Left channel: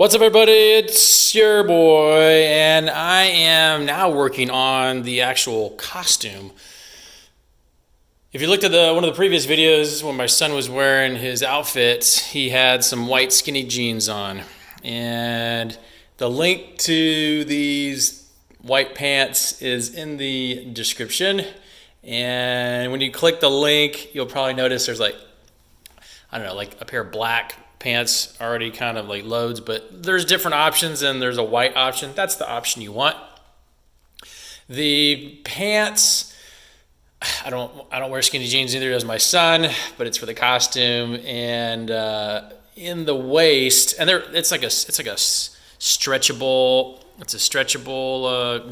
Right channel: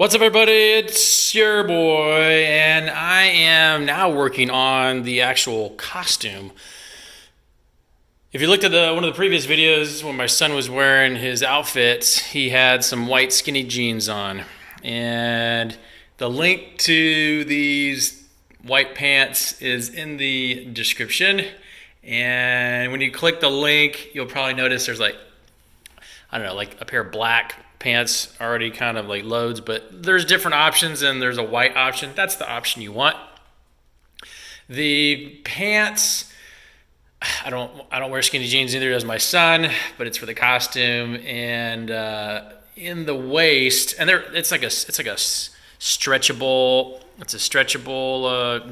What's up, everybody? It's your boy, and I am now working on the actual costume. If you looked at one of the previous videos when my son was wearing his outfit, he had some white skinny jeans on. And the link to these white pants is in the description. And when you click the link, you'll probably notice there's like a pair of black pants already kind of like loads, but there's different options and there's a white option. That's the option you want. The pants, I don't wear skinny jeans, neither does my son, but it's for the costume. And in the waist, and it's like a stretchable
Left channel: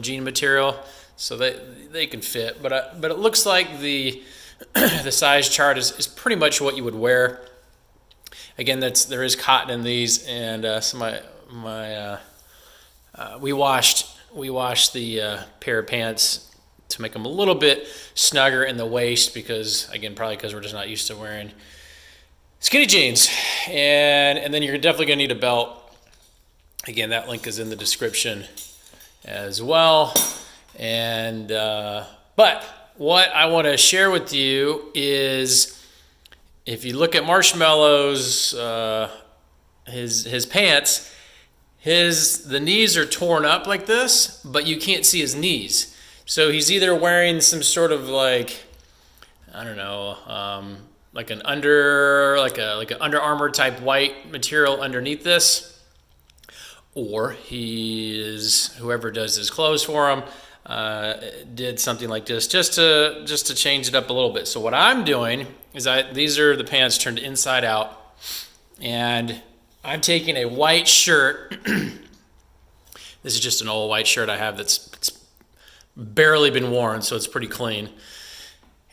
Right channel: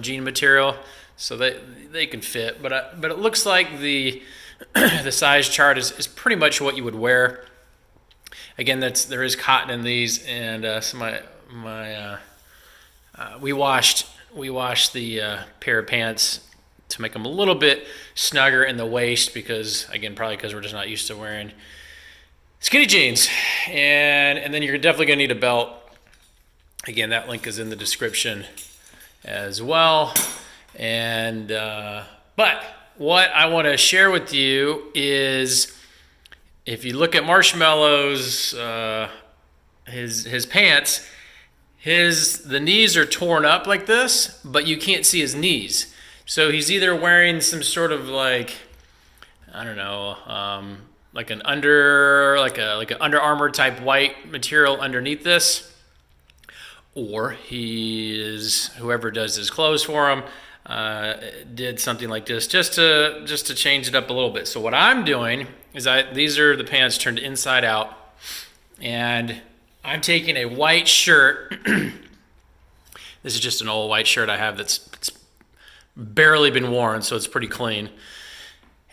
jean material, so they can fit. But it looks like the the size chart is pretty much what you would wear. Again, there is cotton in these, and we washed the pair of pants to make them a little bit snugger in the waist because we're just not used to wearing skinny jeans. And then you're definitely gonna need a belt. Again, that link is in the description as well. And but what I want to share with you is, if you look at Marshmello's his pants, the knees are torn up like this, but you can't see his knees. So he's either wearing some sort of like an Under Armour type white material underneath this, or whoever does his clothes for him did something like this just to change it up a little bit. So what I'm doing is these are the pants turned inside out, and I'm taking a white shirt. This is just an old white shirt I have that's barely been worn, so it's pretty clean.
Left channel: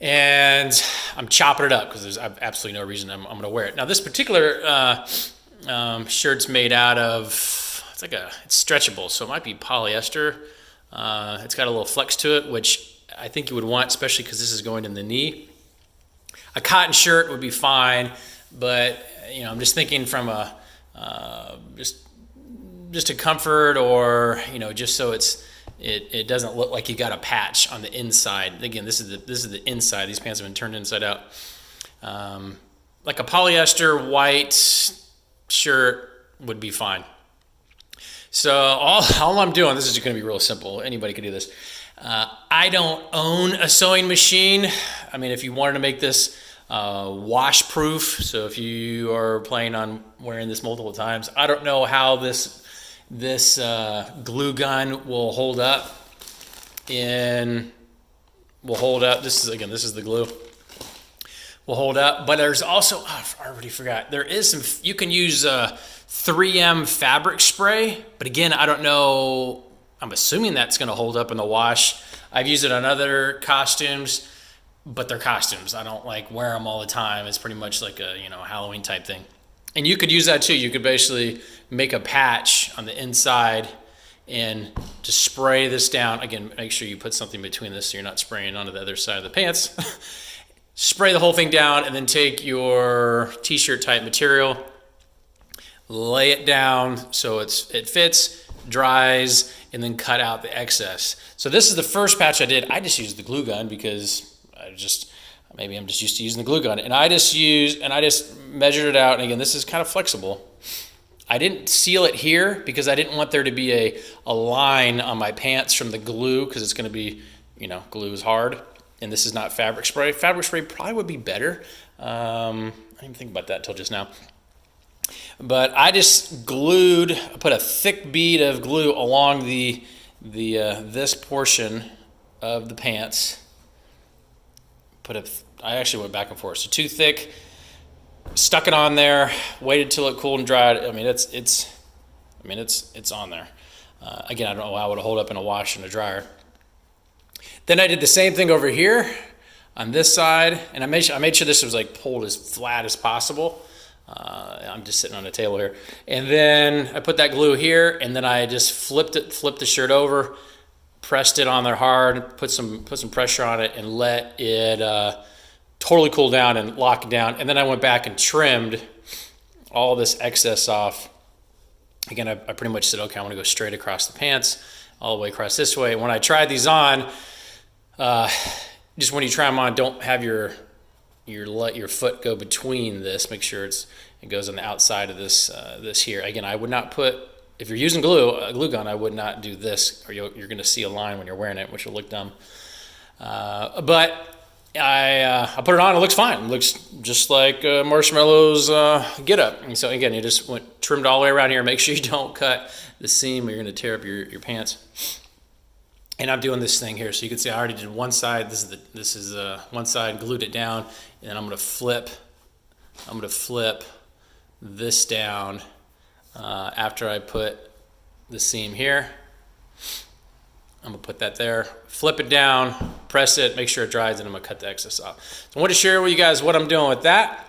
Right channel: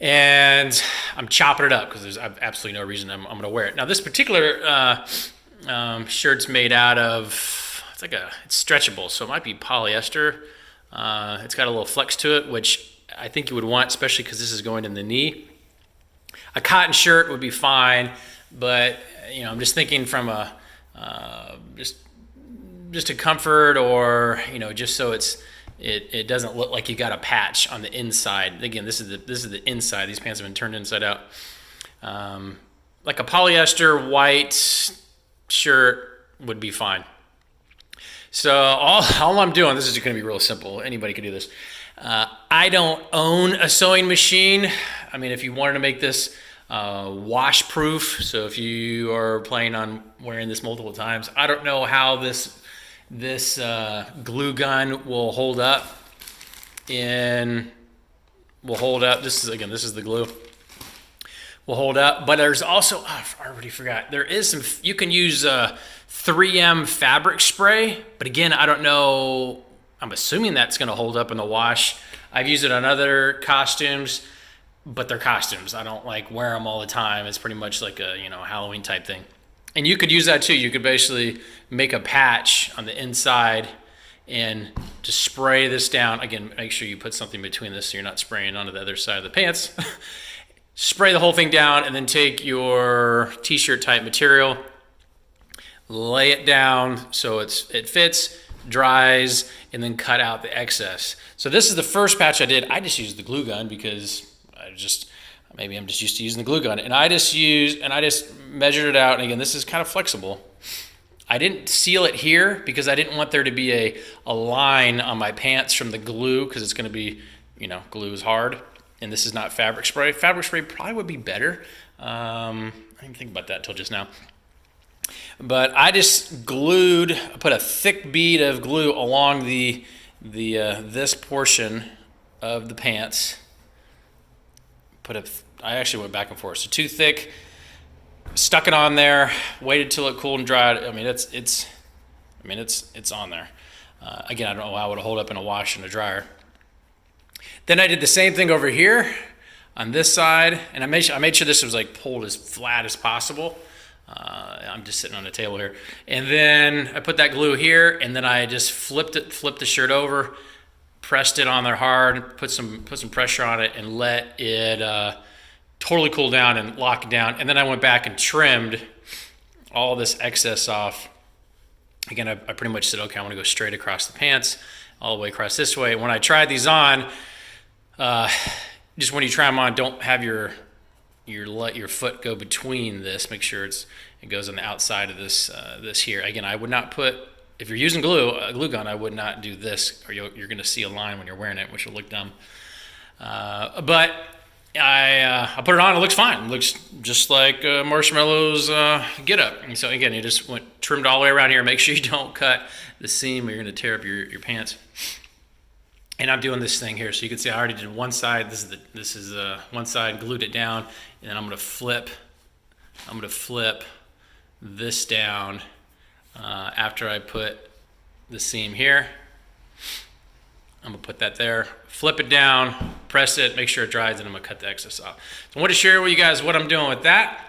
And I'm chopping it up because I've absolutely no reason I'm going to wear it. Now this particular shirt's made out of, it's stretchable, so it might be polyester. It's got a little flex to it, which I think you would want, especially because this is going in the knee. A cotton shirt would be fine, but I'm just thinking from a just a comfort, or just so it doesn't look like you got a patch on the inside. Again, this is the inside. These pants have been turned inside out. Like a polyester white shirt would be fine. So all I'm doing, this is going to be real simple. Anybody can do this. I don't own a sewing machine. I mean, if you wanted to make this wash proof, so if you are planning on wearing this multiple times, I don't know how this glue gun will hold up. This is the glue. Will hold up, but there's also, I already forgot. There is you can use 3M fabric spray, but again, I don't know. I'm assuming that's going to hold up in the wash. I've used it on other costumes, but they're costumes. I don't wear them all the time. It's pretty much like a Halloween type thing. And you could use that too. You could basically make a patch on the inside and just spray this down. Again, make sure you put something between this so you're not spraying onto the other side of the pants. Spray the whole thing down, and then take your t-shirt type material, lay it down so it fits, dries, and then cut out the excess. So this is the first patch I did. I just used the glue gun because maybe I'm just used to using the glue gun. And I just measured it out. And again, this is kind of flexible. I didn't seal it here because I didn't want there to be a line on my pants from the glue, because it's going to be, glue is hard. And this is not fabric spray. Fabric spray probably would be better. I didn't think about that until just now. But I just put a thick bead of glue along this portion of the pants. I actually went back and forth. So too thick, stuck it on there, waited till it cooled and dried. I mean, it's on there. Again, I don't know how it would hold up in a wash and a dryer. Then I did the same thing over here on this side, and I made sure this was pulled as flat as possible. I'm just sitting on the table here. And then I put that glue here, and then I just flipped the shirt over, pressed it on there hard, put some pressure on it, and let it totally cool down and lock it down. And then I went back and trimmed all this excess off Again, I pretty much said, okay, I want to go straight across the pants, all the way across this way. When I tried these on, just when you try them on, don't have your let your foot go between this. Make sure it goes on the outside of this this here. Again, I would not put, if you're using a glue gun, I would not do this, or you're going to see a line when you're wearing it, which will look dumb. But I put it on. It looks fine. It looks just like Marshmello's get up. And so again, you just trimmed all the way around here. Make sure you don't cut the seam, or you're going to tear up your pants. And I'm doing this thing here, so you can see I already did one side. This is one side, glued it down, and then I'm going to flip. I'm going to flip this down after I put the seam here. I'm going to put that there, flip it down, press it, make sure it dries, and I'm going to cut the excess off. So I want to share with you guys what I'm doing with that.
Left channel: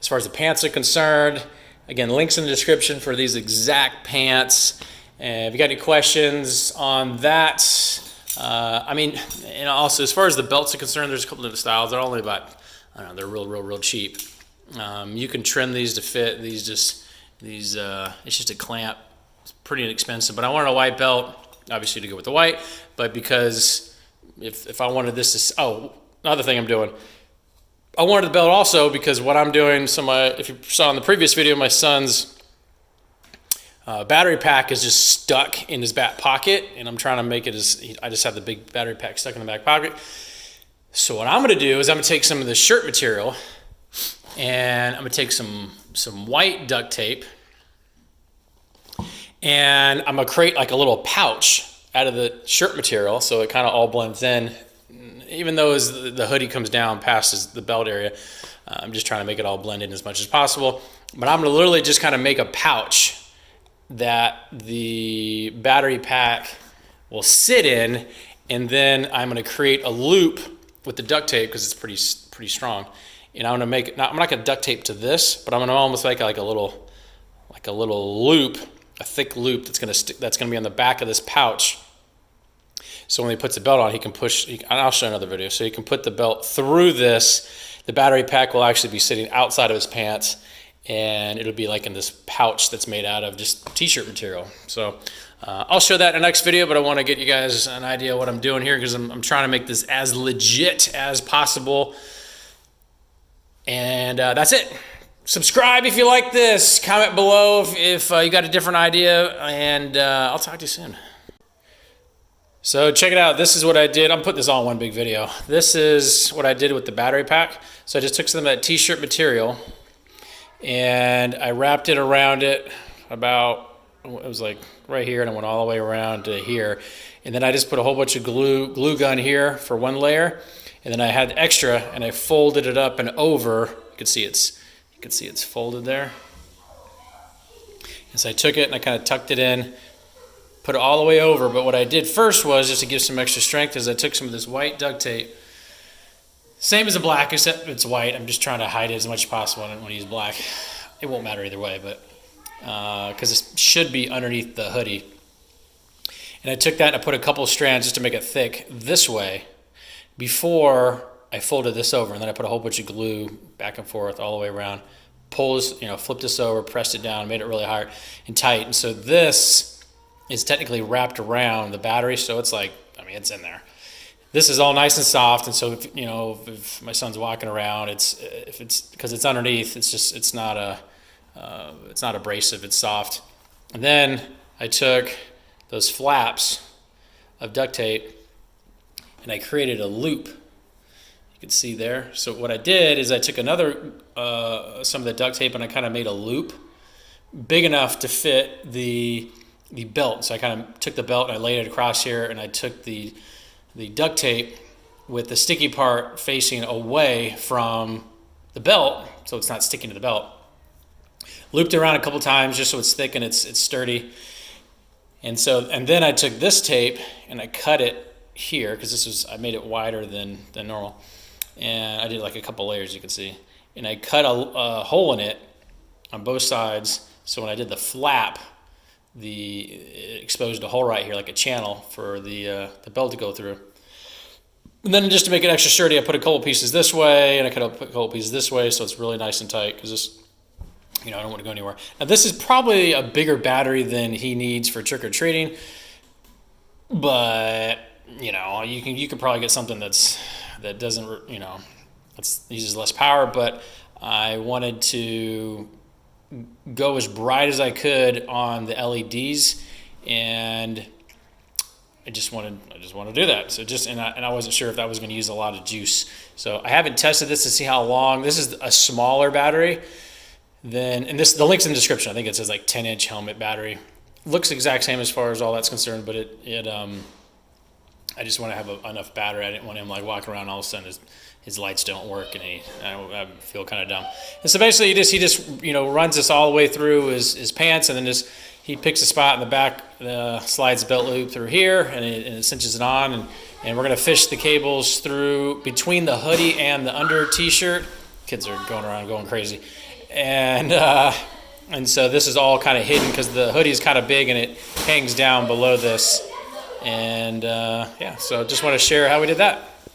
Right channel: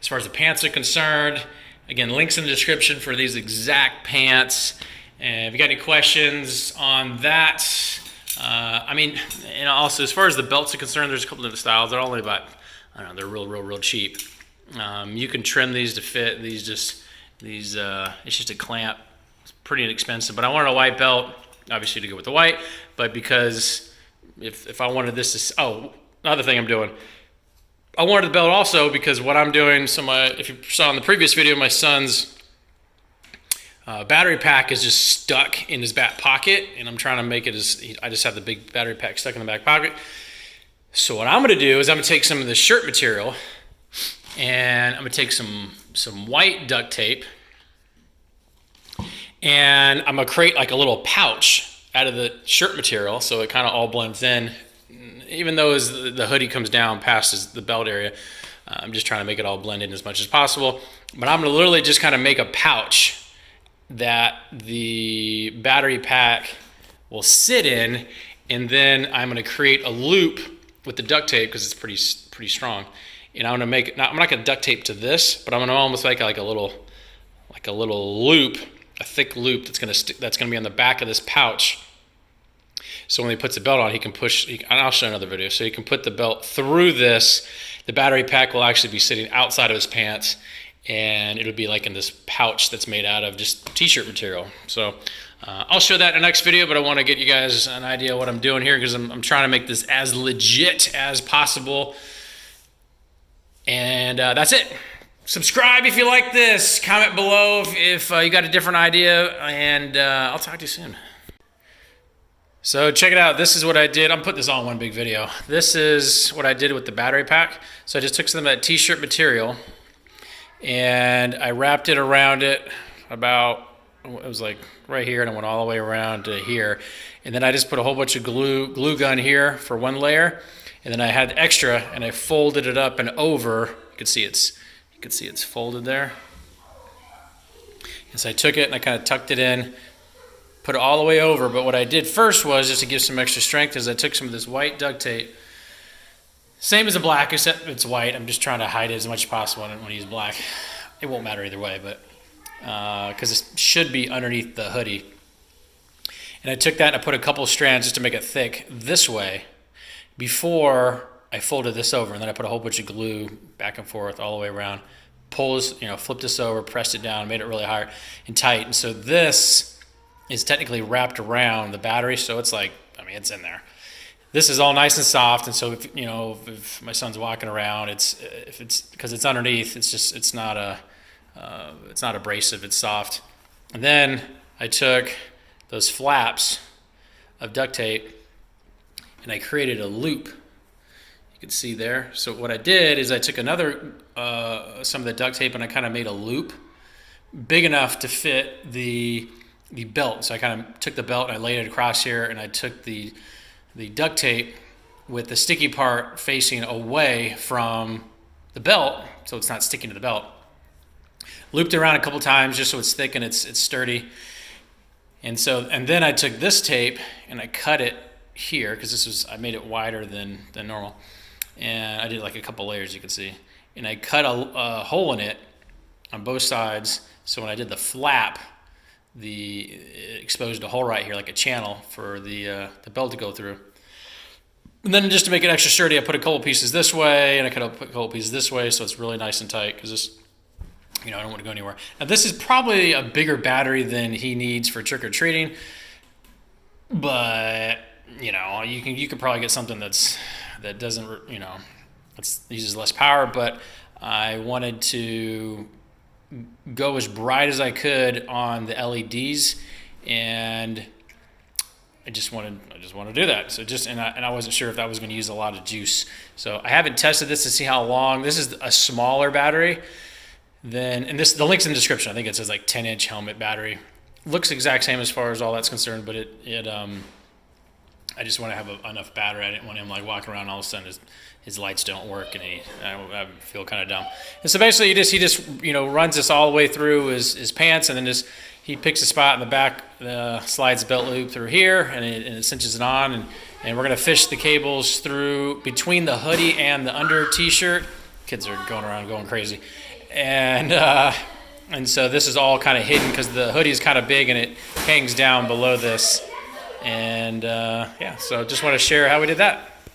As far as the pants are concerned, again, links in the description for these exact pants. And if you got any questions on that, I mean, and also as far as the belts are concerned, there's a couple different styles. They're only about, I don't know, they're real cheap. You can trim these to fit. It's just a clamp. It's pretty inexpensive, but I wanted a white belt, obviously to go with the white, but because if I wanted this to, another thing I'm doing, I wanted the belt also because what I'm doing, so if you saw in the previous video, my son's battery pack is just stuck in his back pocket, and I'm trying to make it I just have the big battery pack stuck in the back pocket. So what I'm going to do is I'm going to take some of this shirt material, and I'm going to take some white duct tape, and I'm going to create like a little pouch out of the shirt material so it kind of all blends in. Even though as the hoodie comes down past the belt area, I'm just trying to make it all blend in as much as possible. But I'm going to literally just kind of make a pouch that the battery pack will sit in, and then I'm going to create a loop with the duct tape because it's pretty strong. And I'm going to make it, I'm not going to duct tape to this, but I'm going to almost make like a little loop, a thick loop that's going to be on the back of this pouch. So when he puts the belt on, he can push, and I'll show another video, so he can put the belt through this. The battery pack will actually be sitting outside of his pants, and it'll be like in this pouch that's made out of just t-shirt material. So I'll show that in the next video, but I want to get you guys an idea of what I'm doing here because I'm trying to make this as legit as possible. And that's it. Subscribe if you like this. Comment below if you got a different idea, and I'll talk to you soon. So check it out. This is what I did. I'm putting this all in one big video. This is what I did with the battery pack. So I just took some of that t-shirt material, and I wrapped it around it about, it was like right here, and I went all the way around to here. And then I just put a whole bunch of glue gun here for one layer, and then I had extra, and I folded it up and over. You can see it's folded there. And so I took it and I kind of tucked it in, put it all the way over. But what I did first was, just to give some extra strength, is I took some of this white duct tape, same as the black, except it's white. I'm just trying to hide it as much as possible. I don't want to use black. It won't matter either way, but because it should be underneath the hoodie. And I took that and I put a couple strands just to make it thick this way before I folded this over. And then I put a whole bunch of glue back and forth all the way around, flipped this over, pressed it down, made it really hard and tight. And so this is technically wrapped around the battery, so it's like, I mean, it's in there. This is all nice and soft, and so if my son's walking around, because it's underneath, it's not abrasive, it's soft. And then I took those flaps of duct tape and I created a loop. You can see there. So what I did is I took another some of the duct tape and I kind of made a loop big enough to fit the belt. So I kind of took the belt and I laid it across here, and I took the duct tape with the sticky part facing away from the belt, so it's not sticking to the belt. Looped it around a couple times just so it's thick and it's sturdy. And then I took this tape and I cut it here because I made it wider than normal, and I did like a couple layers, you can see, and I cut a hole in it on both sides. So when I did the flap, it exposed a hole right here, like a channel for the belt to go through. And then just to make it extra sturdy, I put a couple pieces this way, and I cut a couple pieces this way, so it's really nice and tight. Because I don't want to go anywhere. Now, this is probably a bigger battery than he needs for trick-or-treating, but, you can probably get something that doesn't, that uses less power, but I wanted to go as bright as I could on the LEDs, and I just wanted to do that. So and I wasn't sure if that was going to use a lot of juice. So I haven't tested this to see how long. This is a smaller battery than, the link's in the description. I think it says like 10-inch helmet battery. Looks the exact same as far as all that's concerned, but I just want to have enough battery. I didn't want him like walking around all of a sudden his lights don't work, and I feel kind of dumb. And so basically he just runs this all the way through his pants, and then he picks a spot in the back, slides the belt loop through here, and it cinches it on, and we're gonna fish the cables through between the hoodie and the under t-shirt. Kids are going around going crazy, and so this is all kind of hidden because the hoodie is kind of big and it hangs down below this, and so just want to share how we did that.